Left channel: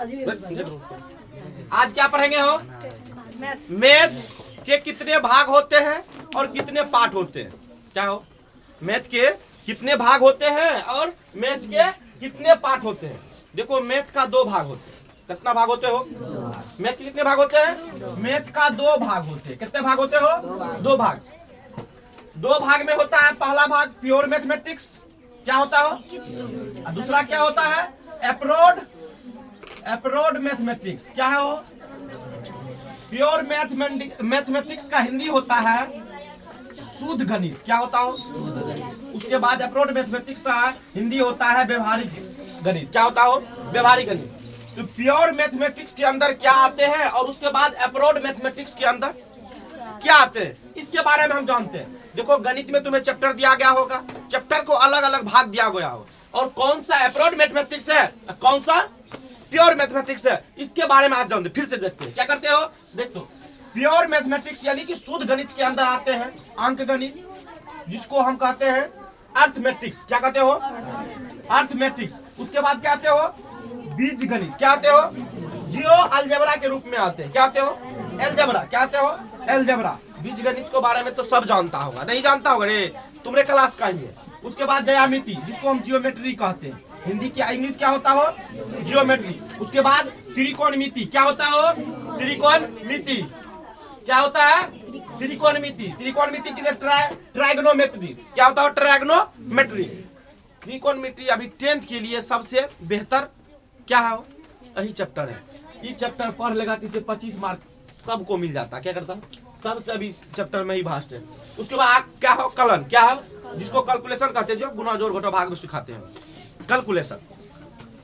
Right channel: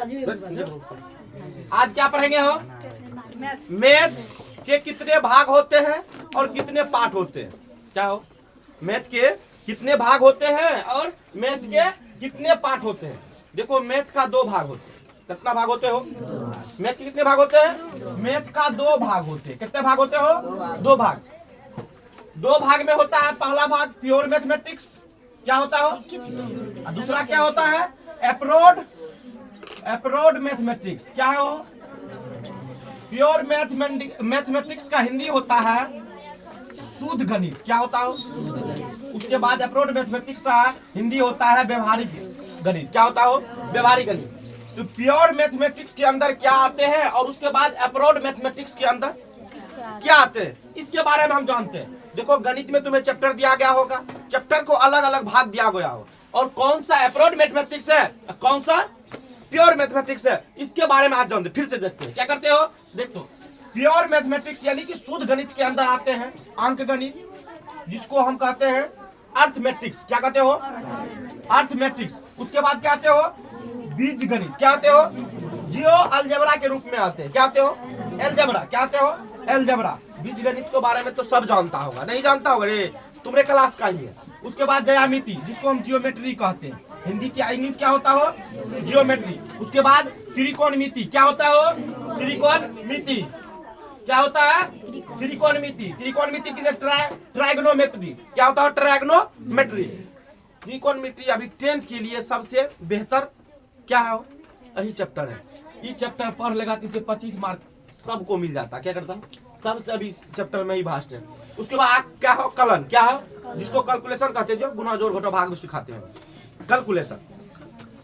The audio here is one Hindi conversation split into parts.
आज क्या पढ़ेंगे हो? मैथ के कितने भाग होते हैं और कितने पार्ट होते हैं? क्या हो? मैथ के कितने भाग होते हैं और मैथ के कितने पार्ट होते हैं? देखो, मैथ का 2 भाग होते हैं। कितना भाग होते हो? मैथ के कितने भाग होते हैं? मैथ का 2 भाग होते हैं। कितने भाग होते हो? 2 भाग। 2 भाग में होता है पहला भाग प्योर मैथमेटिक्स, क्या होता हो? दूसरा क्या होता है? एप्रोड मैथमेटिक्स। क्या है वो? प्योर मैथमेटिक्स का हिंदी होता है शुद्ध गणित। क्या होता हो? उसके बाद एप्रोड मैथमेटिक्स का हिंदी होता है व्यवहारिक गणित। क्या होता हो? व्यवहारिक गणित। तो प्योर मैथमेटिक्स के अंदर क्या आते हैं और उसके बाद एप्रोड मैथमेटिक्स के अंदर क्या आते हैं, इसके बारे में हम जानते हैं। देखो, गणित में तुम्हें चैप्टर दिया गया होगा, चैप्टर को अलग अलग भाग दिया गया होगा, और कौन सा एप्रोड मैथमेटिक्स है, कौन सा प्योर मैथमेटिक्स है, इसके बारे में आज जानते। फिर से देखते हैं क्या करते हो। देखो, प्योर मैथमेटिक्स यानी कि शुद्ध गणित के अंदर आते हैं अंक गणित, जिसको हम कहते हैं अर्थमेटिक्स। क्या कहते हो? अर्थमेटिक्स। उसके बाद क्या आते हो? बीज गणित। क्या आते हो? जियो अलजेब्रा के रूप में आते हैं। क्या आते हो? एलजेब्रा। क्या आते हो? एलजेब्रा। बीज गणित के बारे में तो सब जानता होगा, नहीं जानता होगा रे, तुमने क्लास का ही है। उसके बाद ज्यामिति, जिसको हम जियोमेट्री कहते हैं। हिंदी क्या, इंग्लिश क्या होता हो? जियोमेट्री। उसके बाद त्रिकोणमिति। क्या होता हो? त्रिकोणमिति। क्या होता है? त्रिकोणमिति। त्रिकोणमिति की ट्राइगोनोमेट्री। क्या होता है? ट्राइगोनोमेट्री। त्रिकोणमिति अभी 10th के लिए सबसे बेहतर क्या है? यही चैप्टर है। ये चैप्टर पढ़ लेगा तो इसे 25 मार्क सबको मिल जाता। क्या करता? सबसे अभी चैप्टर में ही भास्ट है। उसके बाद क्या हो? कलन। क्या है? जिसको कैलकुलेशन कहते हैं, जो गुना जोड़ घटा भाग सिखाते हैं, कैलकुलेशन।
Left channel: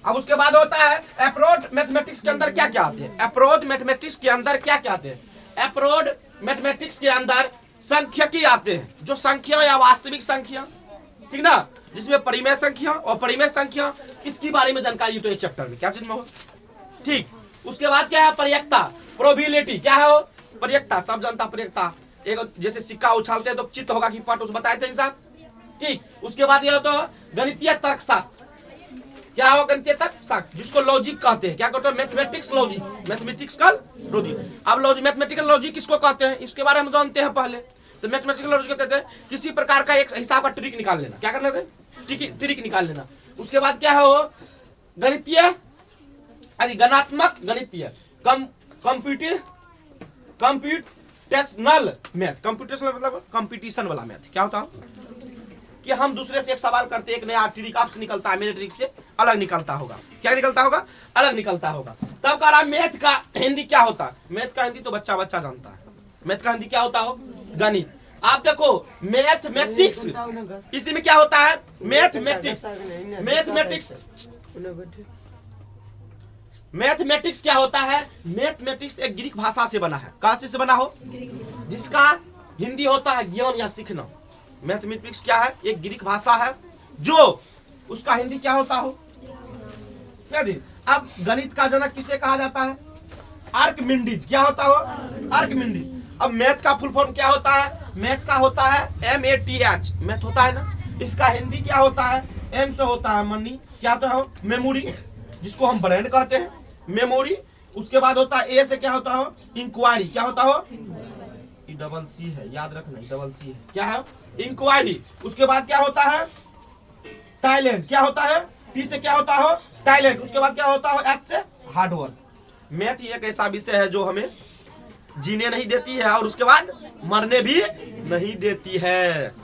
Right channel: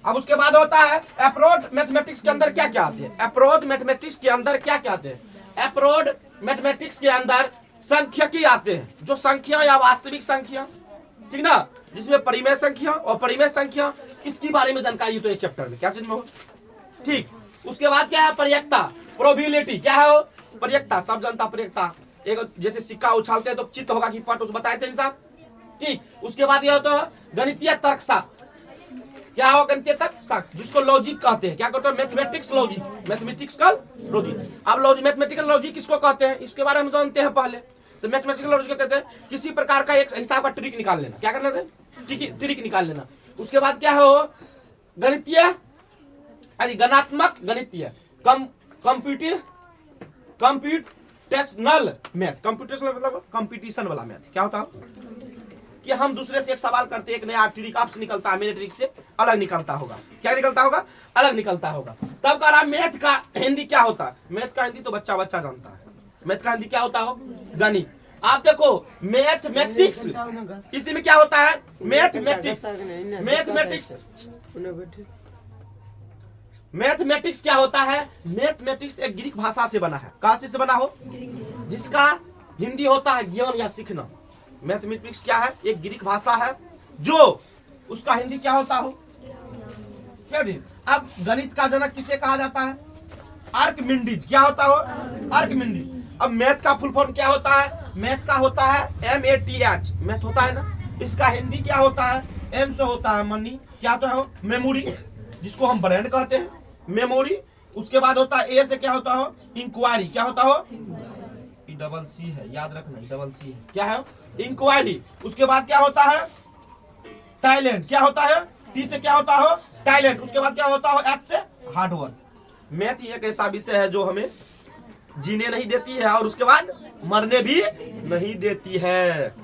अब उसके बाद होता है एप्रोड मैथमेटिक्स के अंदर क्या क्या आते हैं? एप्रोड मैथमेटिक्स के अंदर क्या क्या आते हैं? एप्रोड मैथमेटिक्स के अंदर संख्यकी आते हैं, जो संख्या या वास्तविक संख्या, ठीक ना, जिसमें परिमेय संख्या और परिमेय संख्या, इसके बारे में जानकारी तो इस चैप्टर में क्या चीज में हो, ठीक। उसके बाद क्या है? प्रयक्ता, प्रोबेबिलिटी। क्या है वो? प्रयक्ता, सब जानता प्रयक्ता। एक जैसे सिक्का उछालते हैं तो चित्त होगा कि पट, उस बताए थे साहब, ठीक। उसके बाद यह होता है गणितीय तर्कशास्त्र। क्या हो? गणितीय तर्कशास्त्र, जिसको लॉजिक कहते हैं। क्या कहते हैं? Mathematics logic, mathematical logic. अब मैथमेटिकल लॉजिक किसको कहते हैं, इसके बारे में जानते हैं पहले। तो मैथमेटिकल लॉजिक कहते हैं किसी प्रकार का एक हिसाब का ट्रिक निकाल लेना। क्या करना है? ट्रिक निकाल लेना। उसके बाद क्या है वो? गणितीय गणात्मक गणितीय कंप्यूटेशनल मैथ। कंप्यूटेशनल मतलब कंपटीशन वाला मैथ। क्या होता है? कि हम दूसरे से एक सवाल करते हैं, एक नया ट्रिक आपसे निकलता है, मेरे ट्रिक से अलग निकलता होगा। क्या निकलता होगा? अलग निकलता होगा। तब कह रहा मैथ का हिंदी क्या होता है? मैथ का हिंदी तो बच्चा बच्चा जानता है। मैथ का हिंदी क्या होता हो? गणित। आप देखो, मैथमेटिक्स, इसी में क्या होता है? मैथमेटिक्स क्या होता है? मैथमेटिक्स एक ग्रीक भाषा से बना है। कहाँ से बना हो? जिसका हिंदी होता है ज्ञान या सीखना। मैथमेटिक्स क्या है? एक ग्रीक भाषा है, जो उसका हिंदी क्या होता हो? क्या दिन? अब गणित का जनक किसे कहा जाता है? आर्किमिडीज। क्या होता हो? आर्किमिडीज। अब मैथ का फुल फॉर्म क्या होता है? मैथ का होता है MATH। मैथ होता है ना, इसका हिंदी क्या होता है? M से होता है मनी। क्या होता है? मेमोरी, जिसको हम ब्रेन कहते हैं, मेमोरी। उसके बाद होता है A से क्या होता हो? इंक्वायरी। क्या होता हो? डबल C है, याद रखना, डबल C है। क्या है? इंक्वायरी। उसके बाद क्या होता है? टैलेंट। क्या होता है? T से क्या होता हो? टैलेंट। उसके बाद क्या होता हो? H से हार्डवर्क। मैथ एक ऐसा विषय है जो हमें जीने नहीं देती है और उसके बाद मरने भी नहीं देती है।